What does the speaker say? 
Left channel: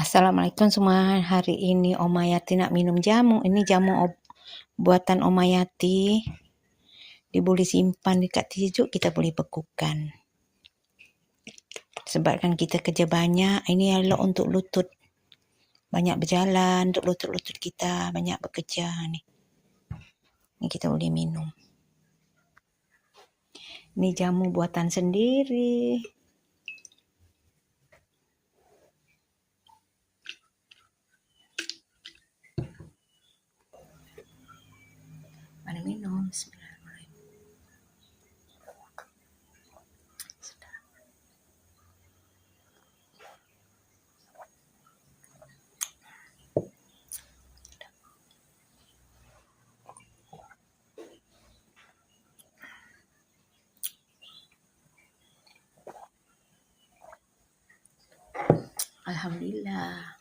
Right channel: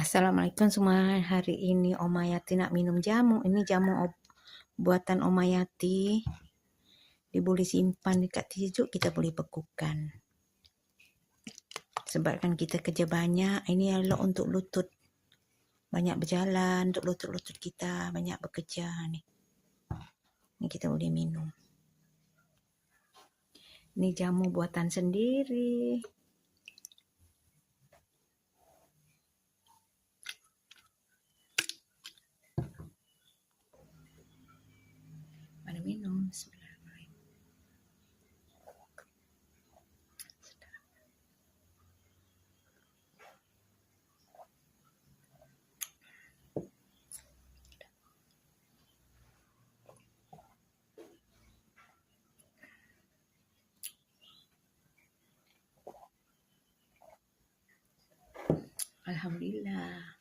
Assalamualaikum semua. Hari ini Oma Yati nak minum jamu. Ini jamu buatan Oma Yati. Boleh simpan dekat tijuk, kita boleh bekukan. Sebabkan kita kerja banyak, ini elok untuk lutut. Banyak berjalan untuk lutut-lutut kita, banyak bekerja ni. Ni kita boleh minum. Ni jamu buatan sendiri. Mana minum? Bismillahirrahmanirrahim. Alhamdulillah.